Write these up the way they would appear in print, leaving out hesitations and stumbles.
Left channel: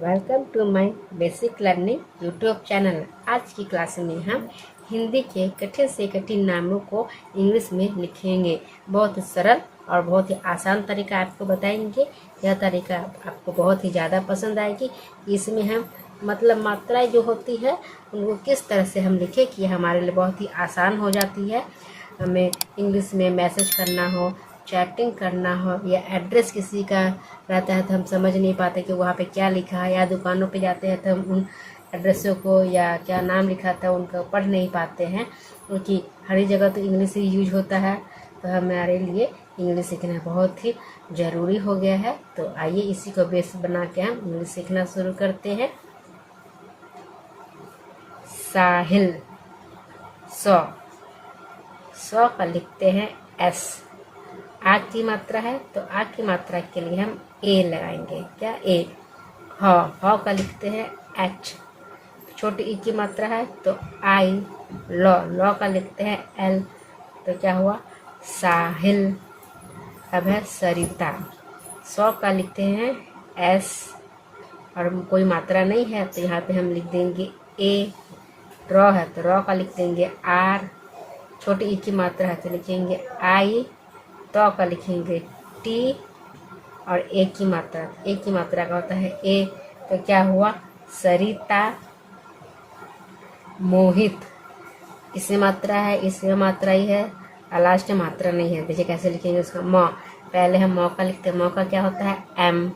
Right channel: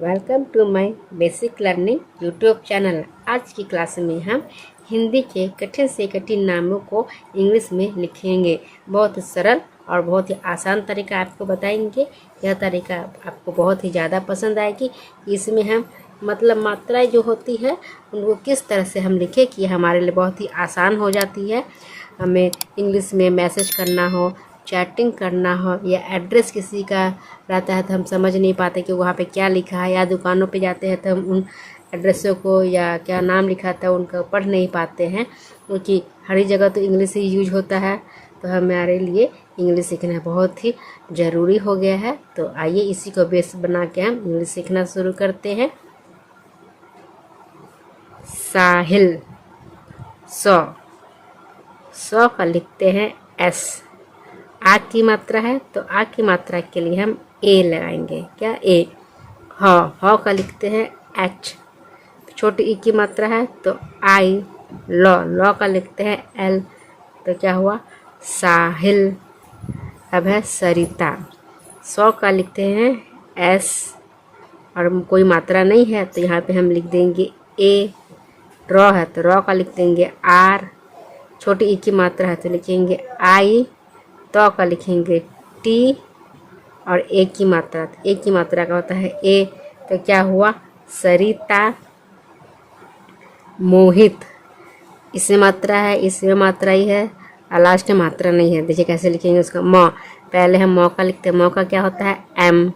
Welcome to my basic learning YouTube channel. आज की class में हम हिंदी के कठिन से कठिन नामों को इंग्लिश में लिखेंगे। बहुत ही सरल और बहुत ही आसान तरीका आपको बताएंगे। यह तरीका आपको बहुत ही ज़्यादा पसंद आएगी। इसमें हम मात्राएं जो होती है उनको किस तरह से हम लिखें कि हमारे लिए बहुत ही आसान हो जाती है। हमें इंग्लिश में मैसेज करना हो, चैटिंग करना हो या एड्रेस किसी का रहता है तो हम समझ नहीं पाते कि वहाँ पे क्या लिखा है, या दुकानों पे जाते हैं तो हम उन एड्रेसों को या क्या नाम लिखा था उनको पढ़ नहीं पाते हैं, क्योंकि हर जगह तो इंग्लिश ही यूज होता है। तो हमारे लिए इंग्लिश सीखना बहुत ही ज़रूरी हो गया है। तो आइए इसी को बेस बना के हम इंग्लिश सीखना शुरू करते हैं। साहिल, सौ का लिखते हैं एस। आ की मात्रा है तो आ की मात्रा के लिए हम ए लगाएंगे। क्या ए। ह का लिखते हैं एच। छोटी ई की मात्रा है तो आई। लॉ का लिखते हैं एल। तो क्या हुआ, साहिल। अब है सरिता। 100 का लिखते हैं एस और कोई मात्रा नहीं है तो यहाँ पे हम लिख देंगे ए। रॉ है तो रॉ का लिख देंगे आर। छोटी ई की मात्रा है तो लिखेंगे आई। तो का लिखेंगे टी और ए की मात्रा, तो ए की मात्रा का होता है ए। तो क्या हुआ, सरिता। मोहित, इसमें मात्रा है, इसमें मात्रा ही है और लास्ट में मात्रा नहीं है। देखिए कैसे लिखेंगे उसका। म पहले हम मौ का लिखते हैं। मौ का क्या होता है एम।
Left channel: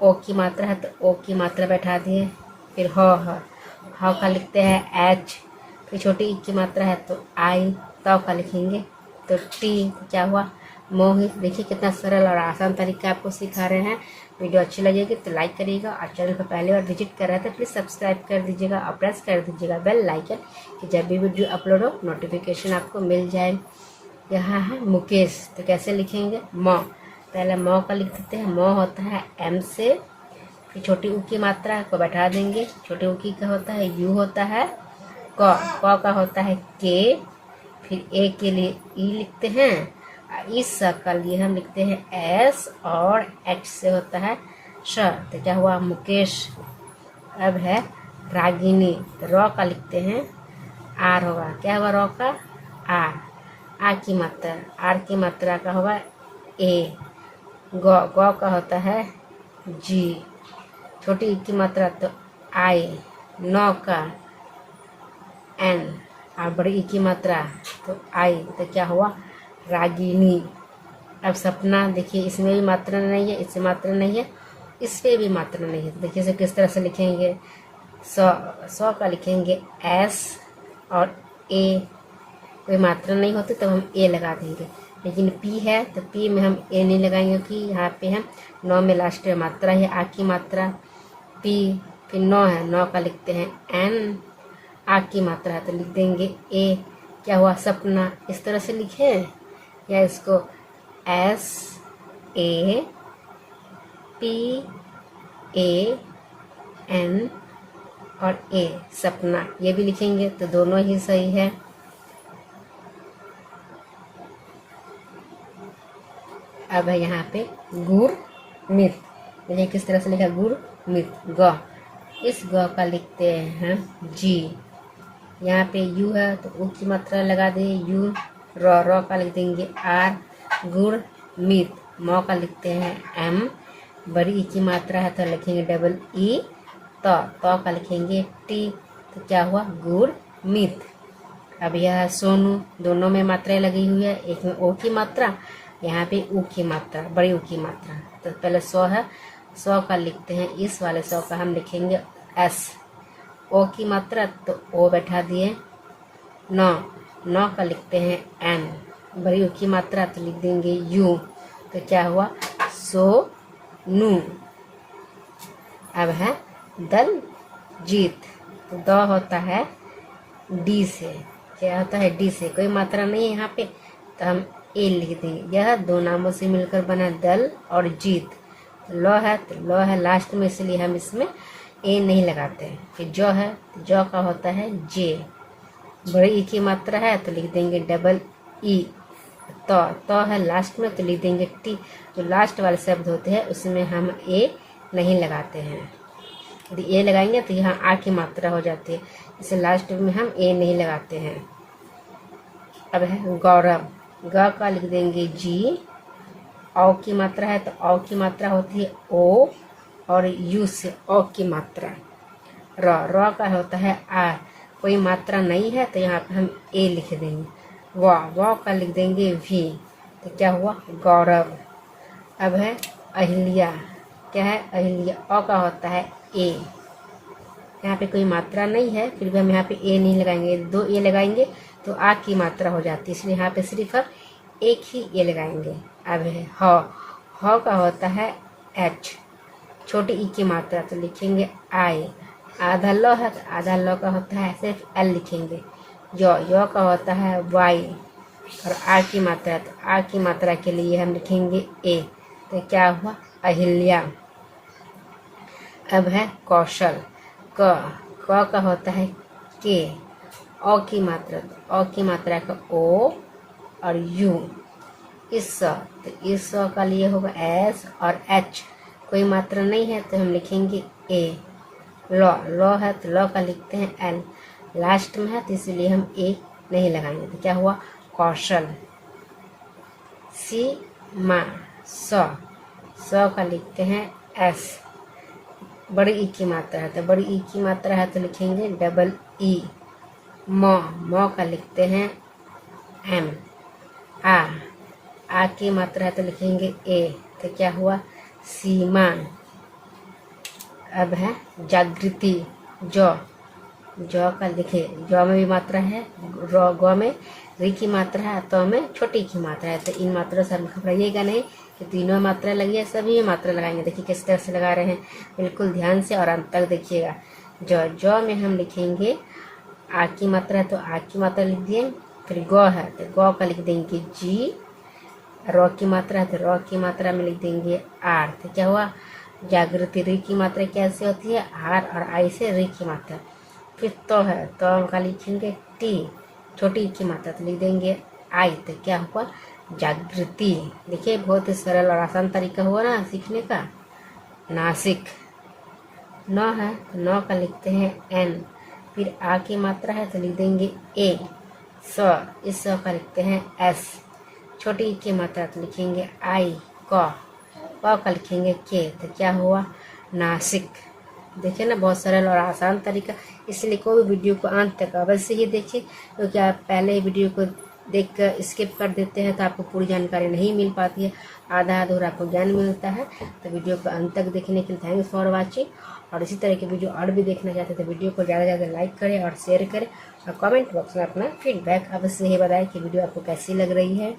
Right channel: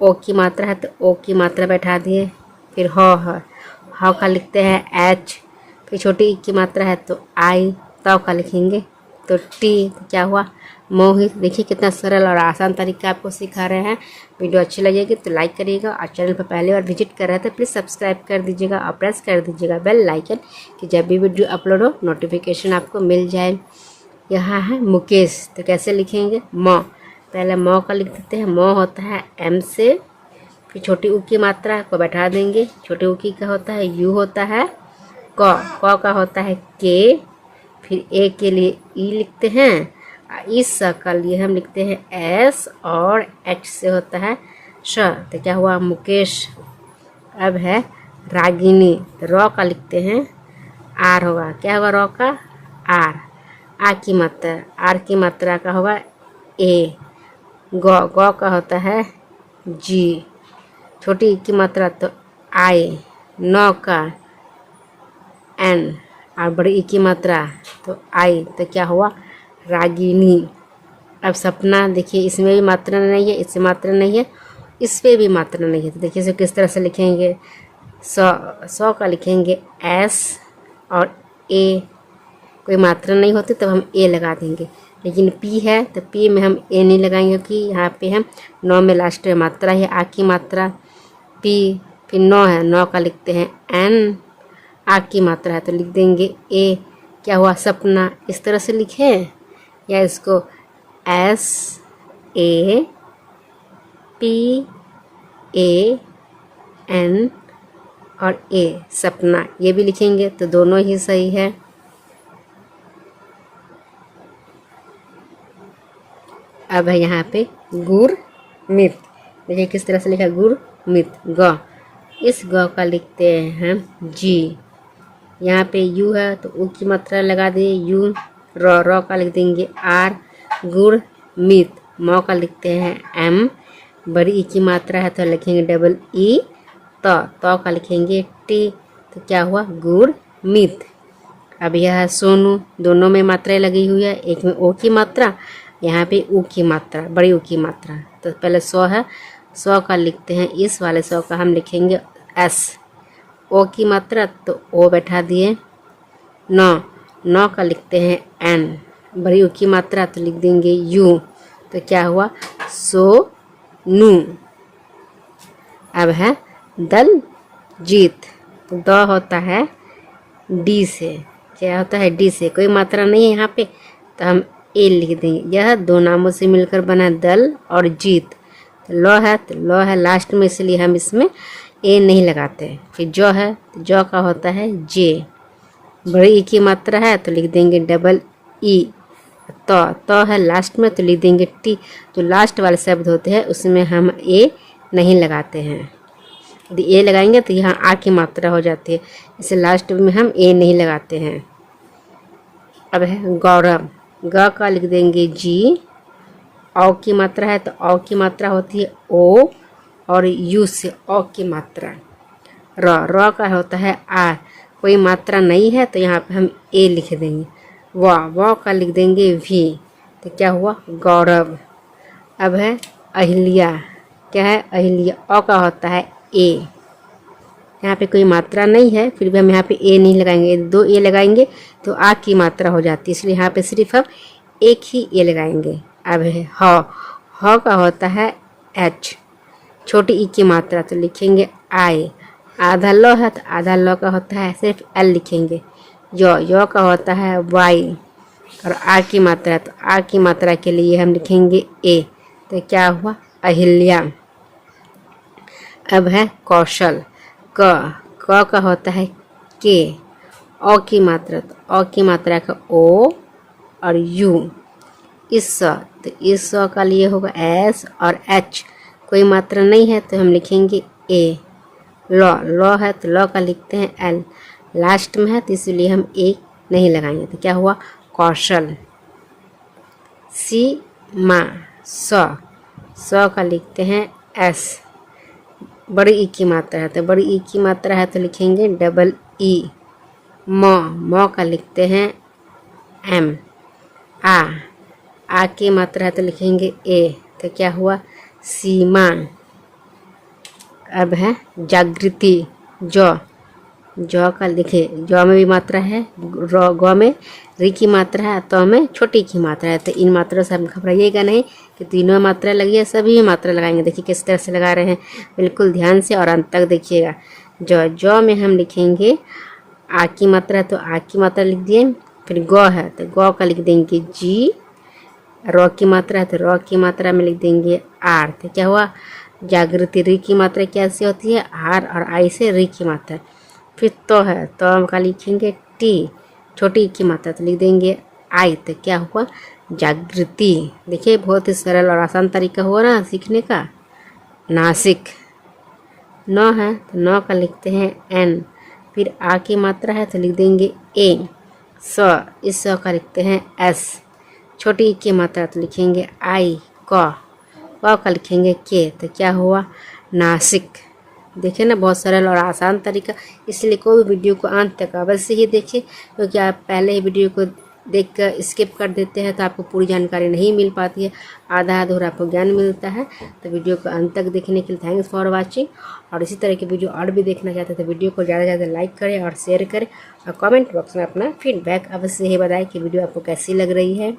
ओ की मात्रा है तो ओ की मात्रा बैठा दिए। फिर ह का लिखते हैं एच। फिर छोटी ई की मात्रा है तो आई। तो का लिखेंगे तो टी। तो क्या हुआ, मोहित। देखिए कितना सरल और आसान तरीका आपको सिखा रहे हैं। वीडियो अच्छी लगेगी तो लाइक करिएगा और चैनल पर पहली बार विजिट कर रहे हैं तो प्लीज़ सब्सक्राइब कर दीजिएगा और प्रेस कर दीजिएगा बेल लाइकन, कि जब भी वीडियो अपलोड हो नोटिफिकेशन आपको मिल जाए। यहाँ है मुकेश, तो कैसे लिखेंगे मौ। पहले मौ का लिख देते हैं। मौ होता है एम से, फिर छोटी ऊ की मात्रा को बैठा देंगे। छोटी ऊ की का होता है यू होता है। क का होता है के। फिर ए के लिए ई लिखते हैं। इस का लिए हम लिखते हैं एस और एच से होता है श। तो क्या हुआ, मुकेश। अब है रागिनी, तो रॉ का लिखते हैं आर होगा। क्या होगा रॉ का आर। आ की मात्रा, आर की मात्रा का होगा ए। गौ का होता है जी। छोटी ई की मात्रा तो आई। नौ का एन और बड़ी ई की मात्रा तो आई। तो क्या हुआ, रागिनी। अब सपना, देखिए इसमें भी मात्रा नहीं है, इसमें मात्रा नहीं है, इस पे भी मात्रा नहीं है। तो देखिए इसे किस तरह से लिखेंगे। 100 का लिखेंगे एस और ए। कोई मात्रा नहीं होती तब हम ए लगा देंगे, लेकिन पी है तो पी में हम ए नहीं लगाएंगे, क्योंकि यहाँ पे हम 9 में लास्ट में मात्रा है आ की मात्रा पी। फिर 9 है, 9 का लिखते हैं एन। आ की मात्रा है तो लिख देंगे ए। क्या हुआ, सपना। इस तरह से लिखें या इसको S A P A N और ए, सपना, ये भी लिखेंगे तो दोनों ही सही है। अब है यहाँ पे गुरमीत। देखिए किस तरह से लिखा, गुरमीत। ग, इस ग का लिखते हैं हम जी। यहाँ पे यू है तो ऊ की मात्रा लगा दिए यू। रॉ का लिख देंगे आर। गुरमीत। मौ का लिखते हैं एम। बड़ी ई की मात्रा है तो लिखेंगे डबल ई। तो का लिखेंगे टी। तो क्या हुआ, गुरमीत। अब यह है सोनू। दोनों में मात्राएं लगी हुई है, एक में ओ की मात्रा, यहाँ पे ऊ की मात्रा, बड़ी ऊ की मात्रा। तो पहले 100 है, 100 का लिखते हैं, इस वाले 100 का हम लिखेंगे एस। ओ की मात्रा तो ओ बैठा दिए। 9 का लिखते हैं एन। बड़ी ऊ की मात्रा तो लिख देंगे यू। तो क्या हुआ, सोनू। अब है दलजीत। तो द होता है डी से। क्या होता है, डी से। कोई मात्रा नहीं है यहाँ पे तो हम ए लिख देंगे। यह दो नामों से मिलकर बना दल और जीत। लॉ है तो लॉ है लास्ट में, इसलिए हम इसमें ए नहीं लगाते हैं। फिर जौ है तो जौ का होता है जे। बड़ी ई की मात्रा है तो लिख देंगे डबल ई। तो है लास्ट में तो लिख देंगे टी। जो लास्ट वाले शब्द होते हैं उसमें हम ए नहीं लगाते हैं। यदि ए लगाएंगे तो यहाँ आ की मात्रा हो जाती है, इसे लास्ट में हम ए नहीं लगाते हैं। अब है गौरव, ग का लिख देंगे जी, औ की मात्रा है तो औ की मात्रा होती है ओ, और यू से औ की मात्रा। र का होता है आ, कोई मात्रा नहीं है तो यहाँ पे हम ए लिख देंगे। व का लिख देंगे वी, तो क्या हुआ गौरव। अब है अहिल्या, क्या है अहिल्या, अ का होता है ए, यहाँ पे कोई मात्रा नहीं है फिर भी हम यहाँ पे ए नहीं लगाएंगे, दो ए लगाएंगे तो आ की मात्रा हो जाती है, इसलिए यहाँ पे सिर्फ हम एक ही ए लगाएंगे। अब है ह का होता है एच, छोटी ई की मात्रा तो लिखेंगे आई, आधा ल है तो आधा ल का होता है सिर्फ एल लिखेंगे। यो का होता है वाई, और आ की मात्रा तो आ की मात्रा के लिए हम लिखेंगे ए, तो क्या हुआ अहिल्या। अब है कौशल, क का होता है के, औ की मात्रा तो औ की मात्रा का ओ और यू। तो इस का लिए होगा एस, और एच कोई मात्रा नहीं है तो हम लिखेंगे ए। लॉ है तो लॉ का लिखते हैं एल, लास्ट में है तो इसलिए हम ए नहीं लगाएंगे, तो क्या हुआ कौशल। सीमा, स का लिखते हैं एस, बड़ी ई की मात्रा है तो बड़ी ई की मात्रा है तो लिखेंगे डबल ई। मौ का लिखते हैं एम। आ की मात्रा है तो लिखेंगे ए, तो क्या हुआ सीमा। अब है जागृति, जौ का लिखे, जौ में भी मात्रा है, गौ में री की मात्रा है, तो में छोटी की मात्रा है, तो इन मात्रा से हम घबराइएगा नहीं कि तीनों मात्रा लगी है, सभी मात्रा लगाएंगे। देखिए किस तरह से लगा रहे हैं, बिल्कुल ध्यान से और अंत तक देखिएगा। जौ में हम लिखेंगे आ की मात्रा है तो आ की मात्रा लिख दिए, फिर गौ है तो गौ का लिख देंगे जी, रौ की मात्रा है तो रौ की मात्रा में लिख देंगे आर, तो क्या हुआ जागृति। री की मात्रा कैसे होती है आर, और आई से री की मात्रा। फिर तो है तो का लिखेंगे टी, छोटी की मात्रा तो लिख देंगे आई, तो क्या हुआ जागृति। देखिए बहुत ही सरल और आसान तरीका हुआ ना सीखने का। नासिक, नौ है तो नौ का लिखते हैं एन, फिर आ की मात्रा है तो लिख देंगे ए। इस का लिखते हैं एस, छोटी ई की मात्रा तो लिखेंगे आई। क का लिखेंगे के, तो क्या हुआ नासिक। देखिए ना बहुत सरल और आसान तरीका, इसलिए कोई वीडियो को अंत तक अवश्य ही देखिए, क्योंकि आप पहले ही वीडियो को देखकर स्किप कर देते हैं तो आपको पूरी जानकारी नहीं मिल पाती है, आधा अधूरा आपको ज्ञान मिलता है। तो वीडियो को अंत तक देखने के लिए थैंक्स फॉर वाचिंग। और इसी तरह की वीडियो और भी देखना चाहते हैं तो वीडियो को ज़्यादा से ज़्यादा लाइक करें और शेयर करें, और कमेंट बॉक्स में अपना फीडबैक अवश्य ही बताएं कि वीडियो आपको कैसी लग रही है।